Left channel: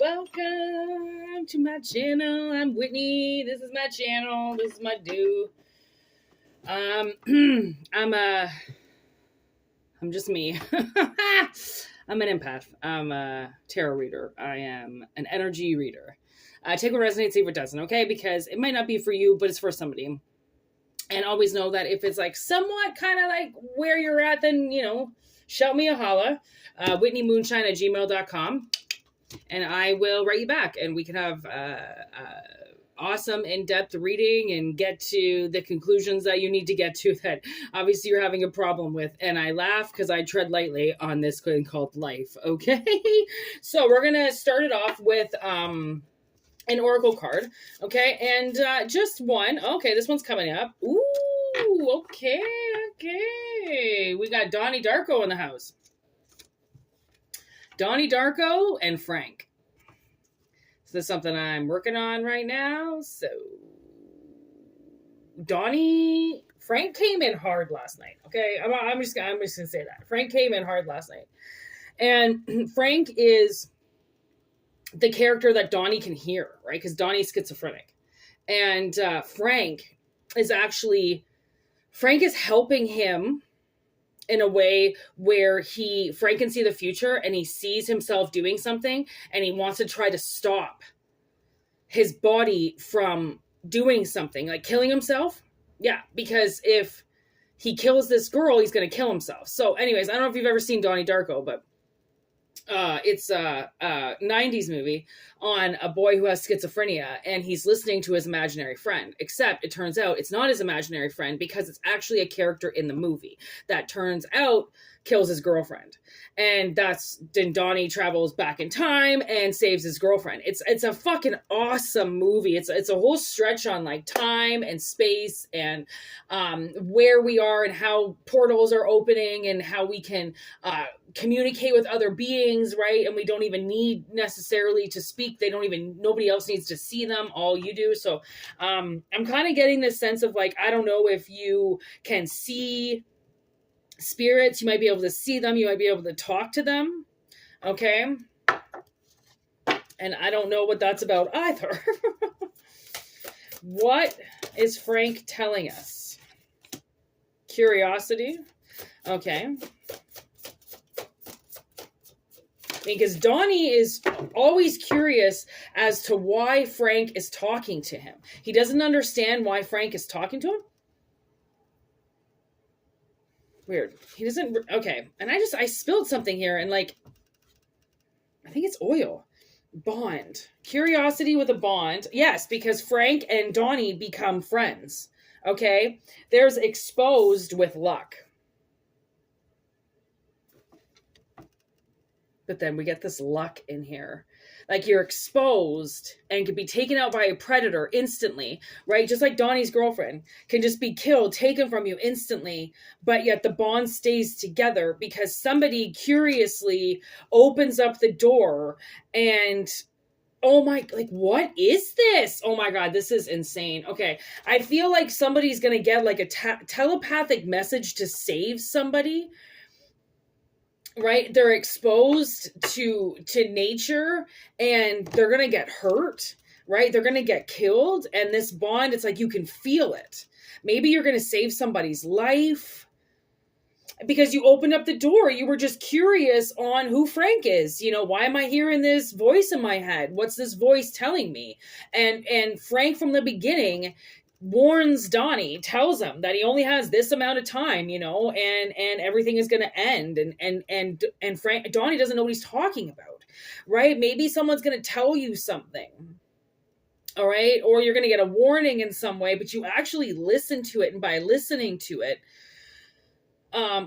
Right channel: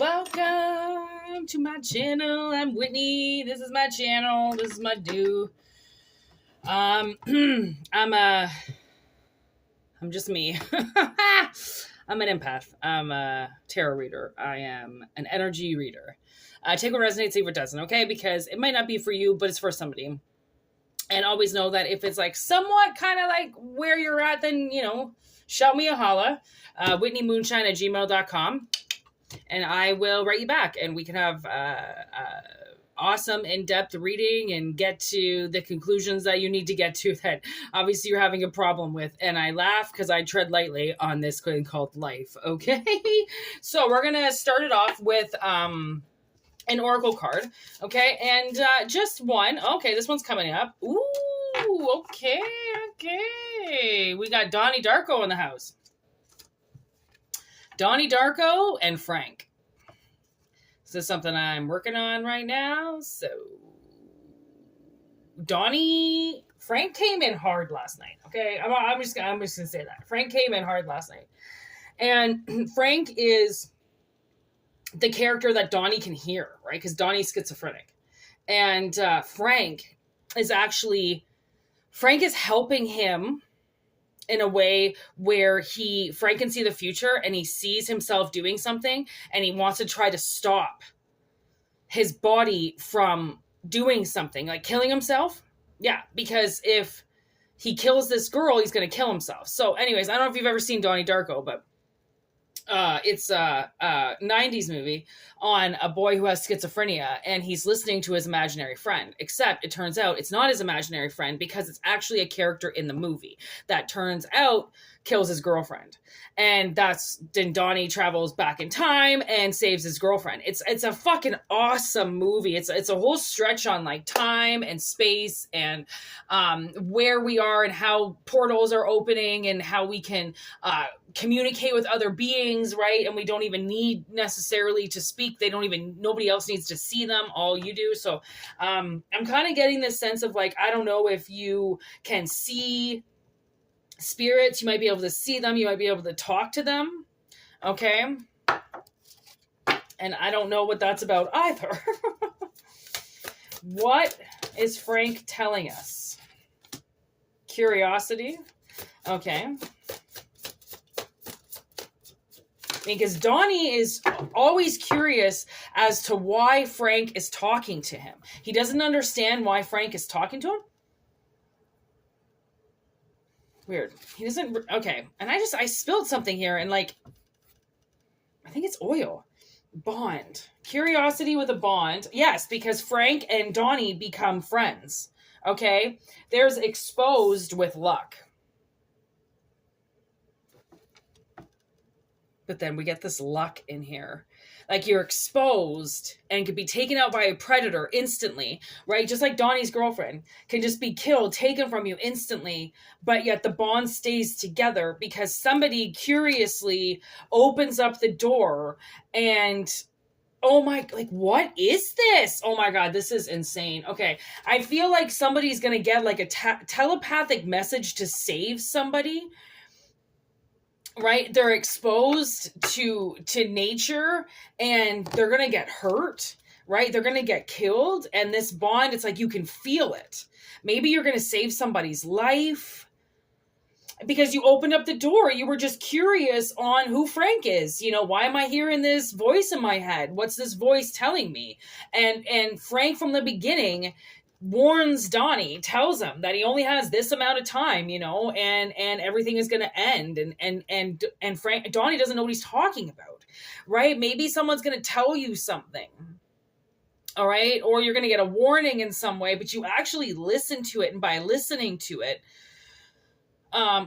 Welcome to my channel. I'm Whitney. This is my channel. This is my do. I'm just me. I'm an empath. I'm a tarot reader. I am an energy reader. Take what resonates, leave what doesn't, okay? Because it might not be for you, but it's for somebody. And always know that if it's like somewhat kind of like where you're at, then, you know, shout me a holla. WhitneyMoonshine@gmail.com. And I will write you back, and we can have awesome in-depth reading and get to the conclusions that you need to get to that obviously you're having a problem with. And I laugh because I tread lightly on this thing called life. Okay. So we're going to start it off with an oracle card. Okay. And just one. Okay. This one's coming up. Ooh. Okay. Okay. We got Donnie Darko in the house. Donnie Darko and Frank. This is something I'm working on right now. So, Frank came in hard last night. Okay, I'm just gonna say that Frank came in hard last night, and Frank is the character that Donnie can hear, right? Because Donnie's schizophrenic, and Frank is helping him in a way where Frank can see the future and he sees himself doing something and he wants to try to stop his body from doing something, like killing himself. Yeah, because if he kills this girl, he's going to kill himself. So anyways, I don't know if you've ever seen Donnie Darko, but it's a 90s movie on a boy who has schizophrenia, and he's listening to his imaginary friend, except it turns out it's not his imaginary friend because it's actually a character in the movie that turns out kills his girlfriend. And then Donnie travels back in time and saves his girlfriend. It's a fucking awesome movie. It's a whole stretch on like time and space and where we are and how portals are opening and how we can communicate with other beings, right? And we don't even need necessarily to speak. Nobody else needs to see them. All you do. So I'm kind of getting this sense of like, I don't know if you can see spirits. You might be able to see them. You might be able to talk to them. Okay. And I don't know what that's about either. What is Frank telling us? Curiosity. Okay. Because Donnie is always curious as to why Frank is talking to him. He doesn't understand why Frank is talking to him. Weird. He doesn't. Okay. And I spilled something here and like, I think it's oil. Bond. Curiosity with a bond. Yes, because Frank and Donnie become friends. Okay. There's exposed with luck. But then we get this luck in here. Like you're exposed and could be taken out by a predator instantly, right? Just like Donnie's girlfriend can just be killed, taken from you instantly, but yet the bond stays together because somebody curiously opens up the door and, oh my, like, what is this? Oh my God, this is insane. Okay. I feel like somebody's going to get like a telepathic message to save somebody. Right? They're exposed to nature and they're going to get hurt, right? They're going to get killed. And this bond, it's like, you can feel it. Maybe you're going to save somebody's life because you opened up the door. You were just curious on who Frank is. You know, why am I hearing this voice in my head? What's this voice telling me? And Frank from the beginning warns Donnie, tells him that he only has this amount of time, you know, and everything is going to end. And Donnie doesn't know what he's talking about, right? Maybe someone's going to tell you something. All right. Or you're going to get a warning in some way, but you actually listen to it. And by listening to it,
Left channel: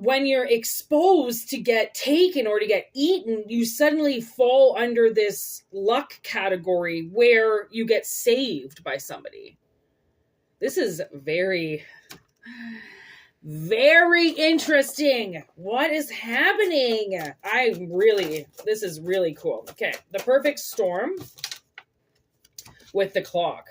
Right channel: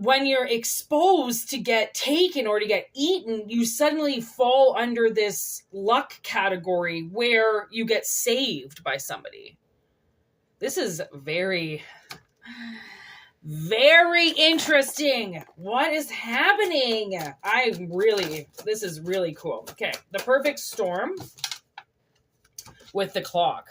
when you're exposed to get taken or to get eaten, you suddenly fall under this luck category where you get saved by somebody. This is very, very interesting. What is happening? This is really cool. Okay, the perfect storm with the clock.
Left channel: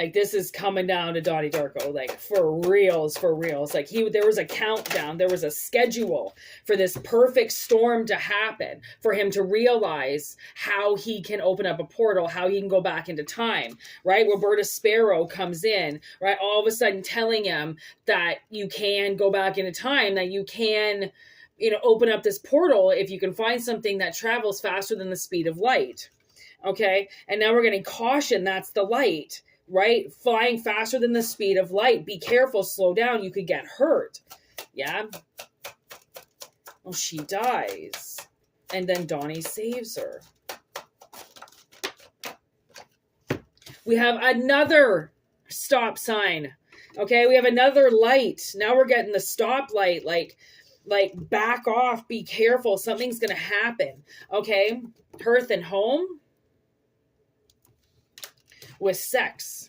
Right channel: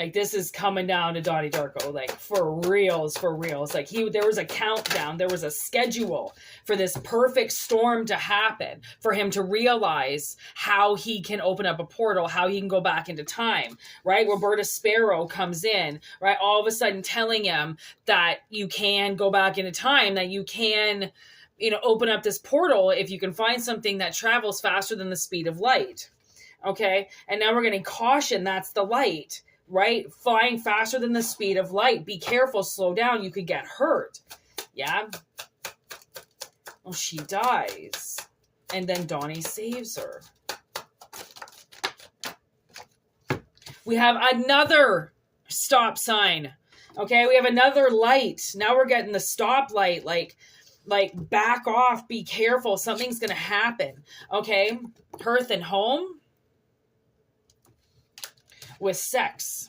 Like, this is coming down to Donnie Darko, like, for reals, for reals. Like, there was a countdown, there was a schedule for this perfect storm to happen, for him to realize how he can open up a portal, how he can go back into time, right? Roberta Sparrow comes in, right? All of a sudden telling him that you can go back into time, that you can, open up this portal if you can find something that travels faster than the speed of light. Okay? And now we're getting caution, that's the light. Right? Flying faster than the speed of light. Be careful, slow down, you could get hurt. Yeah? Well, she dies. And then Donnie saves her. We have another stop sign. Okay, we have another light. Now we're getting the stop light, like back off, be careful, something's gonna happen. Okay? Hearth and home. With sex.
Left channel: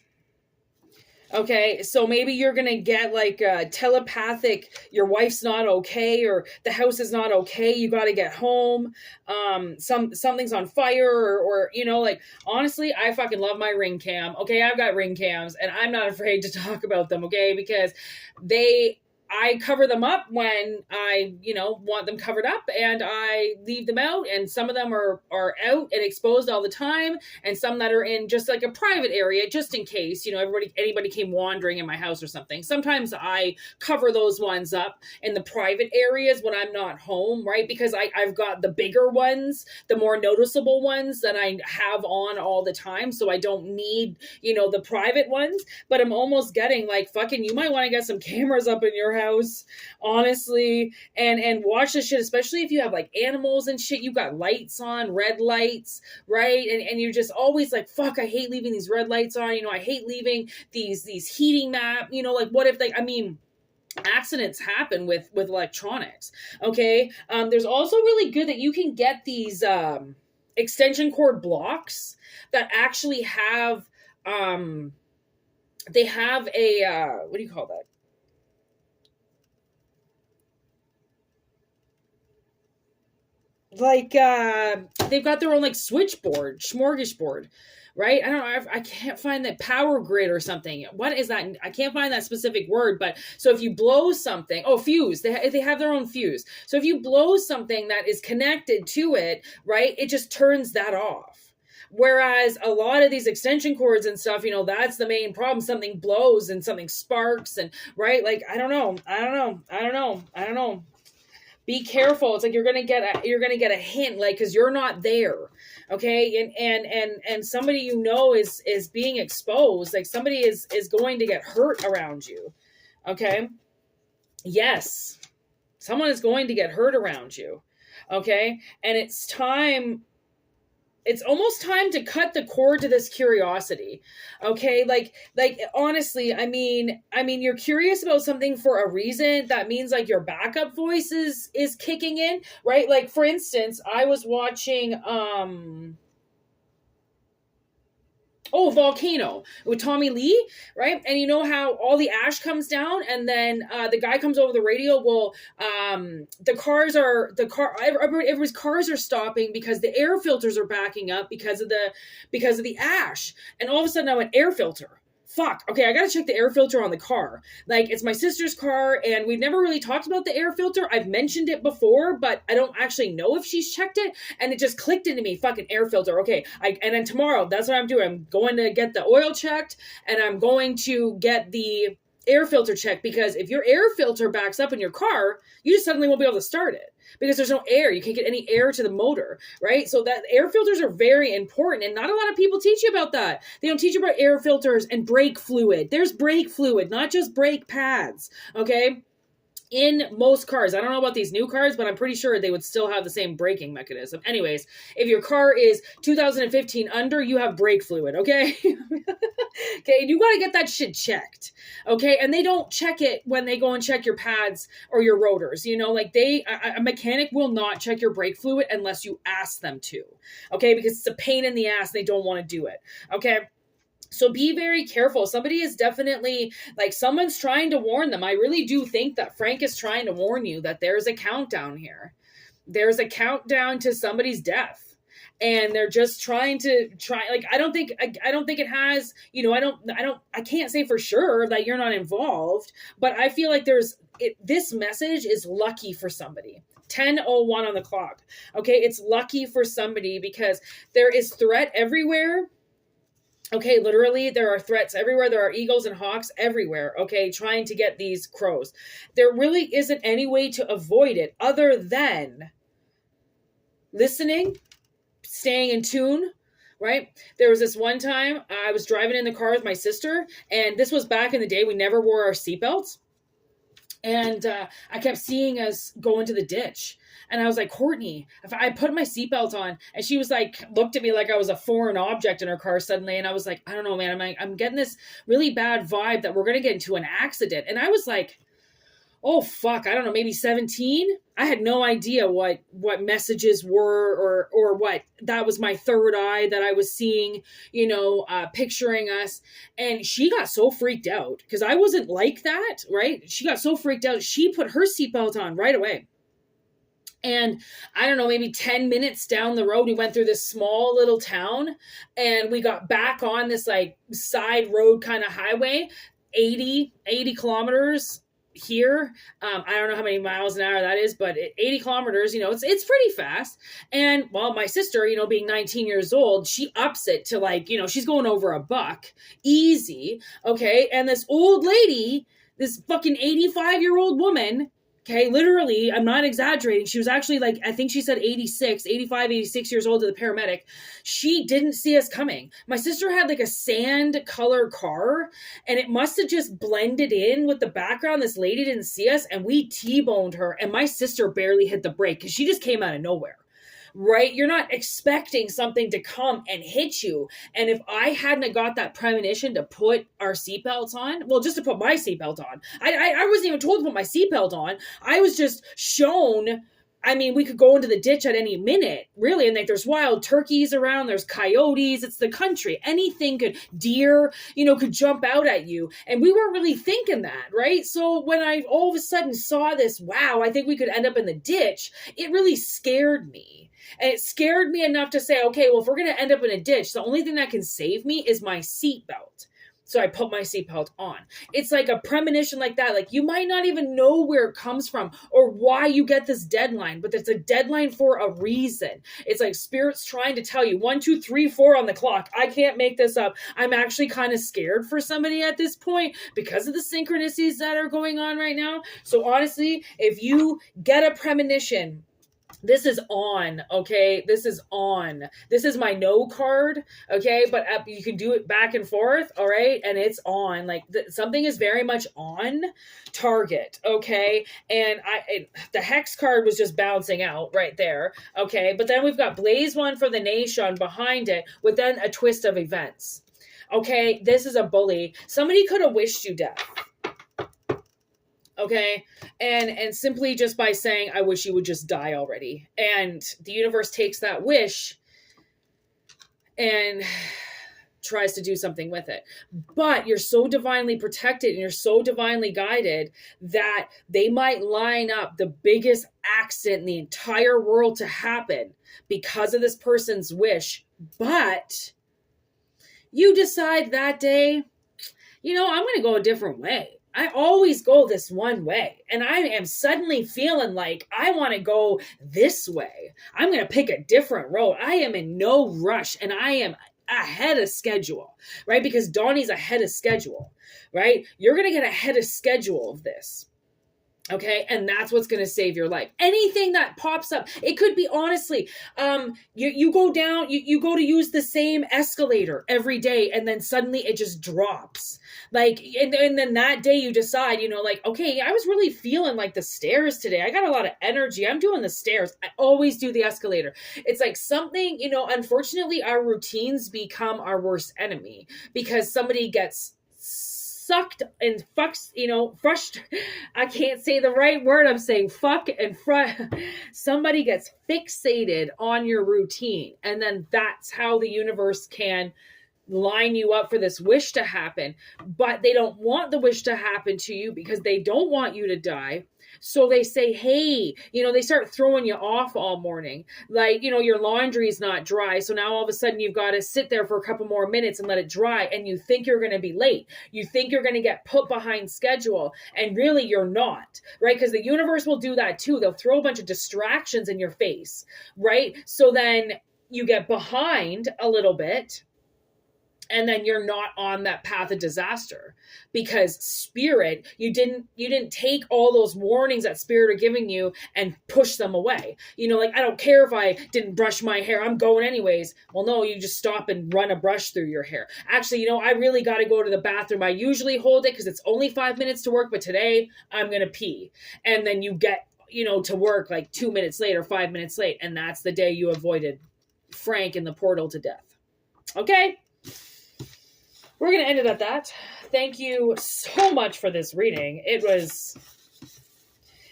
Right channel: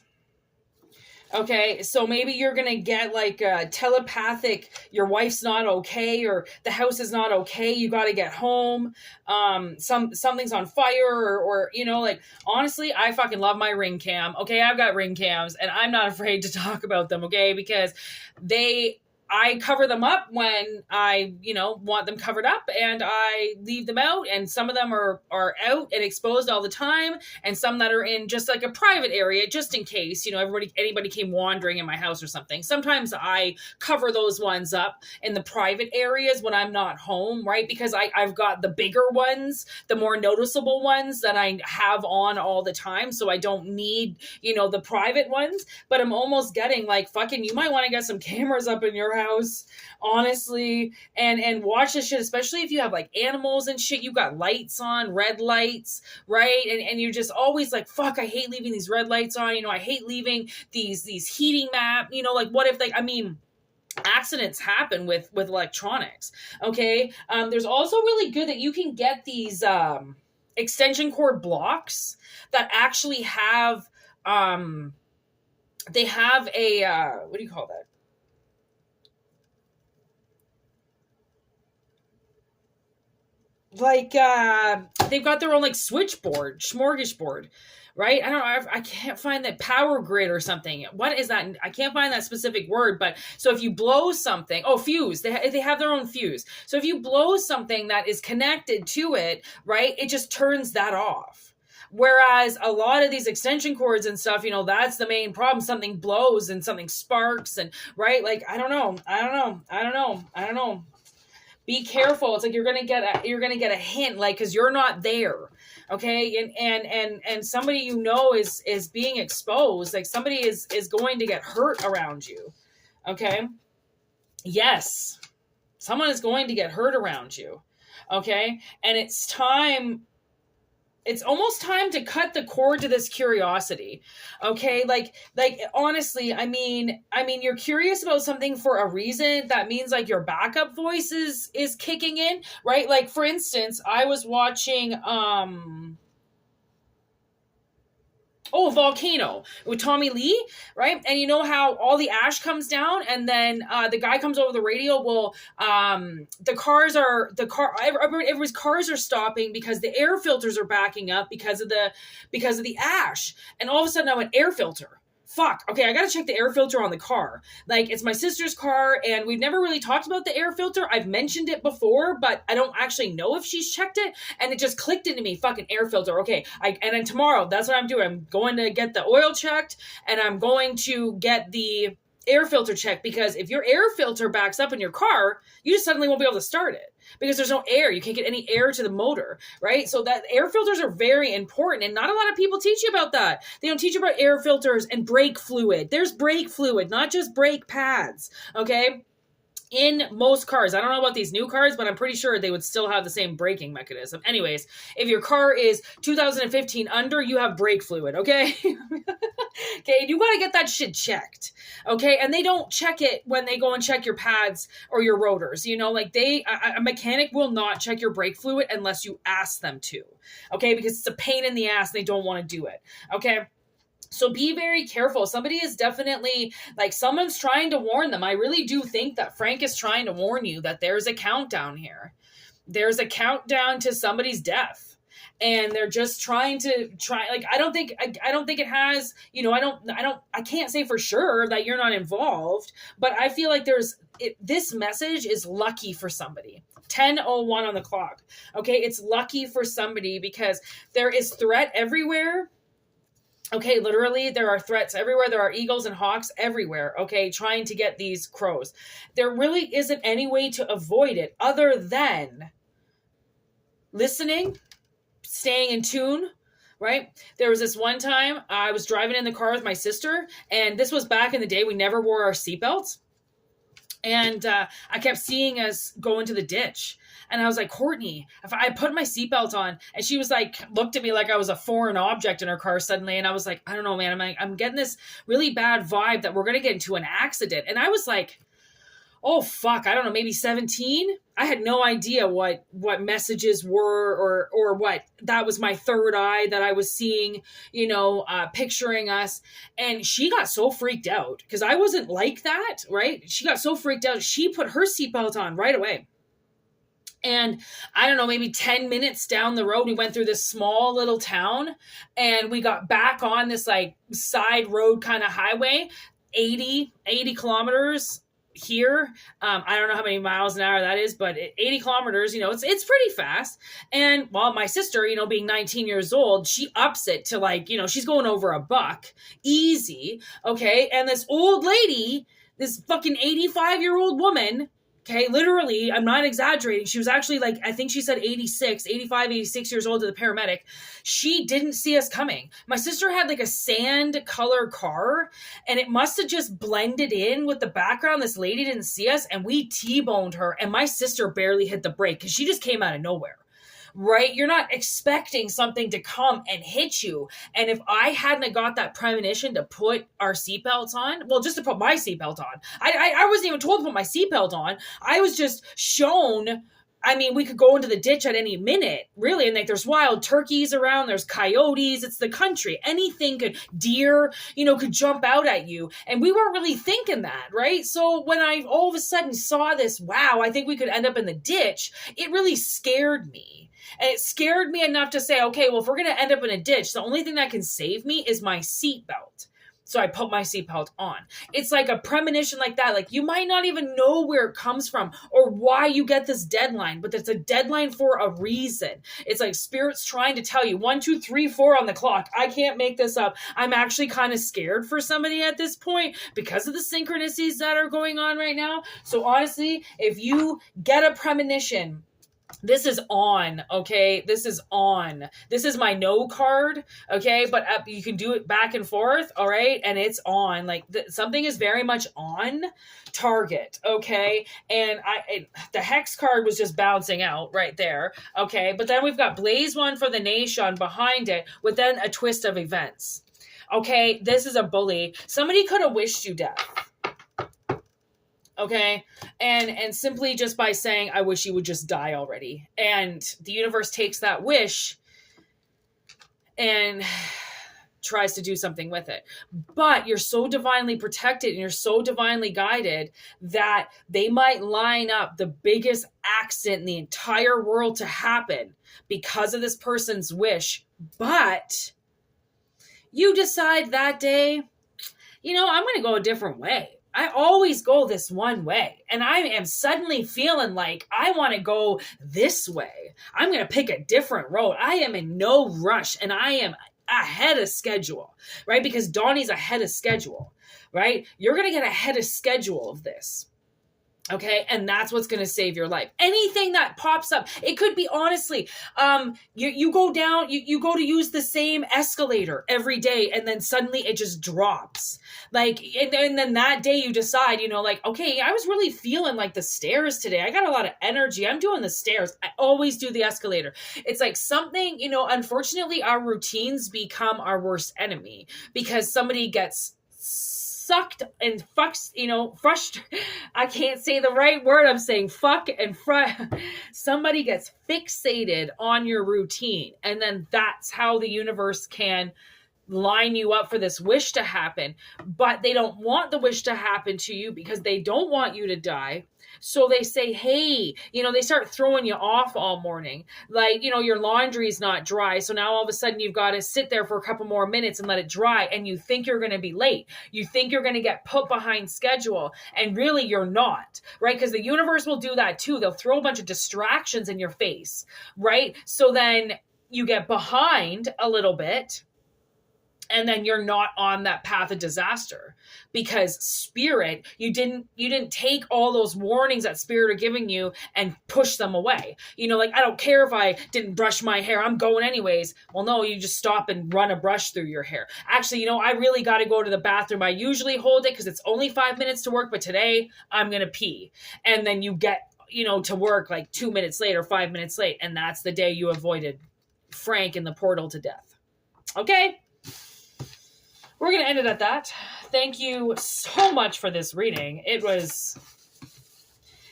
Okay, so maybe you're gonna get like a telepathic, your wife's not okay, or the house is not okay, you gotta get home, something's on fire, or like, honestly, I fucking love my ring cam. Okay, I've got ring cams and I'm not afraid to talk about them, okay, because I cover them up when I, want them covered up, and I leave them out, and some of them are out and exposed all the time, and some that are in just like a private area, just in case, anybody came wandering in my house or something. Sometimes I cover those ones up in the private areas when I'm not home, right? Because I've got the bigger ones, the more noticeable ones that I have on all the time, so I don't need, the private ones, but I'm almost getting like, fucking, you might want to get some cameras up in your house, honestly, and watch this shit, especially if you have like animals and shit. You got lights on, red lights, right? And you're just always like, fuck, I hate leaving these red lights on, I hate leaving these heating map, like, what if accidents happen with electronics. Okay, there's also really good that you can get these extension cord blocks that actually have they have a what do you call that? Like, they've got their own like switchboard, smorgasbord, right? I don't know. I can't find that, power grid or something. What is that? I can't find that specific word, but so if you blow something, fuse, they have their own fuse. So if you blow something that is connected to it, right, it just turns that off. Whereas a lot of these extension cords and stuff, that's the main problem. Something blows and something sparks, and right. Like, I don't know. Be careful. It's like you're gonna get a hint, like, because you're not there, okay? And somebody is being exposed. Like, somebody is going to get hurt around you, okay? Yes, someone is going to get hurt around you, okay? And it's almost time to cut the cord to this curiosity. Okay. Like honestly, I mean, you're curious about something for a reason. That means like your backup voice is kicking in, right? Like, for instance, I was watching, Volcano with Tommy Lee, right? And you know how all the ash comes down, and then the guy comes over the radio. Well, everybody's cars are stopping because the air filters are backing up because of the ash. And all of a sudden I went, air filter. Fuck, okay, I gotta check the air filter on the car. Like, it's my sister's car, and we've never really talked about the air filter. I've mentioned it before, but I don't actually know if she's checked it, and it just clicked into me, fucking air filter. Okay, and then tomorrow, that's what I'm doing. I'm going to get the oil checked, and I'm going to get the air filter checked, because if your air filter backs up in your car, you just suddenly won't be able to start it. Because there's no air. You can't get any air to the motor, right? So that air filters are very important, and not a lot of people teach you about that. They don't teach you about air filters and brake fluid. There's brake fluid, not just brake pads, okay? In most cars. I don't know about these new cars, but I'm pretty sure they would still have the same braking mechanism. Anyways, if your car is 2015 under, you have brake fluid, okay? Okay, you got to get that shit checked, okay? And they don't check it when they go and check your pads or your rotors, like a mechanic will not check your brake fluid unless you ask them to, okay? Because it's a pain in the ass, they don't want to do it, okay? So be very careful. Somebody is definitely, like, someone's trying to warn them. I really do think that Frank is trying to warn you that there's a countdown here. There's a countdown to somebody's death. and they're just trying to like, I don't think it has, I can't say for sure that you're not involved, but I feel like this message is lucky for somebody. 10:01 on the clock. Okay, it's lucky for somebody because there is threat everywhere. Okay, literally, there are threats everywhere. There are eagles and hawks everywhere, okay, trying to get these crows. There really isn't any way to avoid it other than listening, staying in tune, right? There was this one time I was driving in the car with my sister, and this was back in the day. We never wore our seatbelts. And I kept seeing us go into the ditch. And I was like, Courtney, if I put my seatbelt on, and she was like, looked at me like I was a foreign object in her car suddenly. And I was like, I don't know, man. I'm getting this really bad vibe that we're going to get into an accident. And I was like, oh, fuck, I don't know, maybe 17. I had no idea what messages were or what. That was my third eye that I was seeing, picturing us. And she got so freaked out because I wasn't like that, right? She got so freaked out. She put her seatbelt on right away. And I don't know, maybe 10 minutes down the road, we went through this small little town and we got back on this like side road kind of highway, 80 kilometers here. I don't know how many miles an hour that is, but 80 kilometers, it's pretty fast. And well, my sister, being 19 years old, she ups it to like, she's going over $1 easy. Okay. And this old lady, this fucking 85-year-old woman, okay, literally, I'm not exaggerating. She was actually like, I think she said 85, 86 years old to the paramedic. She didn't see us coming. My sister had like a sand color car and it must have just blended in with the background. This lady didn't see us and we T-boned her and my sister barely hit the brake because she just came out of nowhere. Right? You're not expecting something to come and hit you. And if I hadn't got that premonition to put our seatbelts on, well, just to put my seatbelt on, I wasn't even told to put my seatbelt on. I was just shown, we could go into the ditch at any minute, really. And like, there's wild turkeys around, there's coyotes, it's the country. Anything deer, could jump out at you. And we weren't really thinking that, right? So when I all of a sudden saw this, wow, I think we could end up in the ditch, it really scared me. And it scared me enough to say, okay, well, if we're going to end up in a ditch, the only thing that can save me is my seatbelt. So I put my seatbelt on. It's like a premonition like that. Like you might not even know where it comes from or why you get this deadline, but it's a deadline for a reason. It's like spirit's trying to tell you 1, 2, 3, 4 on the clock. I can't make this up. I'm actually kind of scared for somebody at this point because of the synchronicities that are going on right now. So honestly, if you get a premonition, this is on, okay? This is on. This is my no card, okay? But you can do it back and forth, all right? And it's on. Like something is very much on target, okay? And the hex card was just bouncing out right there, okay? But then we've got Blaze One for the Nation behind it with then a twist of events, okay? This is a bully. Somebody could have wished you death. Okay. And simply just by saying, I wish you would just die already. And the universe takes that wish and tries to do something with it. But you're so divinely protected and you're so divinely guided that they might line up the biggest accident in the entire world to happen because of this person's wish. But you decide that day, I'm going to go a different way. I always go this one way and I am suddenly feeling like I want to go this way. I'm going to pick a different road. I am in no rush and I am ahead of schedule, right? Because Donnie's ahead of schedule, right? You're going to get ahead of schedule of this. Okay. And that's what's going to save your life. Anything that pops up, it could be honestly, you go down, you go to use the same escalator every day. And then suddenly it just drops like, and then that day you decide, like, okay, I was really feeling like the stairs today. I got a lot of energy. I'm doing the stairs. I always do the escalator. It's like something, unfortunately our routines become our worst enemy because somebody gets sucked and fucks, I can't say the right word. I'm saying fuck and somebody gets fixated on your routine. And then that's how the universe can line you up for this wish to happen. But they don't want the wish to happen to you because they don't want you to die. So they say, hey, they start throwing you off all morning. Like, your laundry's not dry. So now all of a sudden you've got to sit there for a couple more minutes and let it dry. And you think you're going to be late. You think you're going to get put behind schedule. And really you're not, right? Because the universe will do that too. They'll throw a bunch of distractions in your face, right? So then you get behind a little bit. And then you're not on that path of disaster because spirit, you didn't take all those warnings that spirit are giving you and push them away. Like, I don't care if I didn't brush my hair, I'm going anyways. Well, no, you just stop and run a brush through your hair. Actually, I really got to go to the bathroom. I usually hold it because it's only 5 minutes to work, but today I'm going to pee. And then you get, to work like 2 minutes late or 5 minutes late. And that's the day you avoided Frank in the portal to death. Okay. We're going to end it at that. Thank you so much for this reading. It was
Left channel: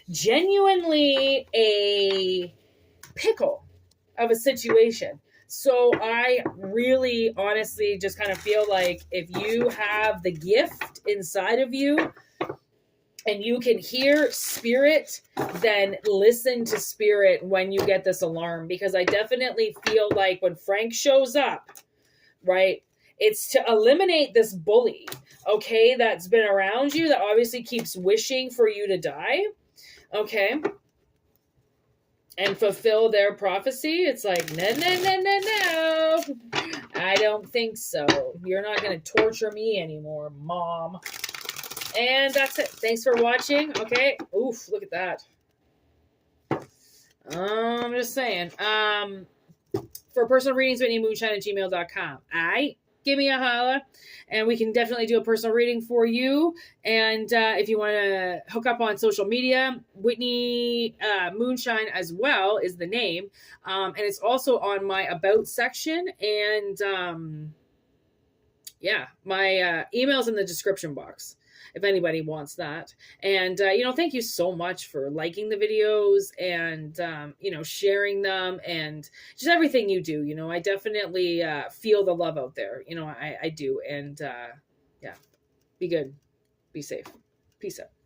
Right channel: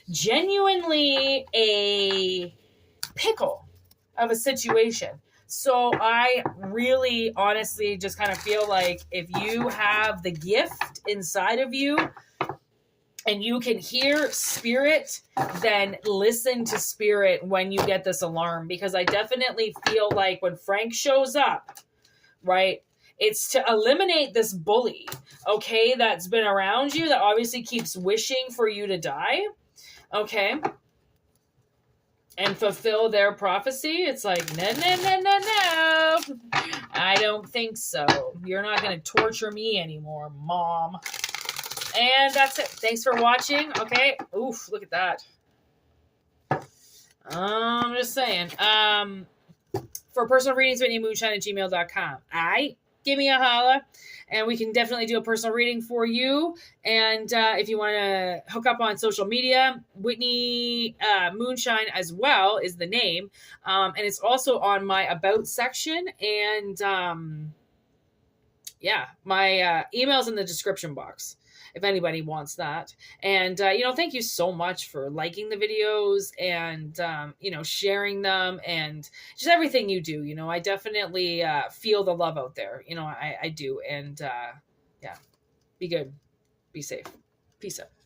genuinely a pickle of a situation. So I really honestly just kind of feel like if you have the gift inside of you and you can hear spirit, then listen to spirit when you get this alarm. Because I definitely feel like when Frank shows up, right? It's to eliminate this bully, okay, that's been around you that obviously keeps wishing for you to die, okay, and fulfill their prophecy. It's like, no, I don't think so. You're not going to torture me anymore, Mom. And that's it. Thanks for watching, okay? Oof, look at that. I'm just saying. For personal readings, WhitneyMoonshine@gmail.com. All right? Give me a holla, and we can definitely do a personal reading for you. And if you want to hook up on social media, Whitney Moonshine as well is the name. And it's also on my About section. And yeah, my email's in the description box if anybody wants that. And, thank you so much for liking the videos and, sharing them and just everything you do. I definitely feel the love out there. I do. And yeah, be good. Be safe. Peace out.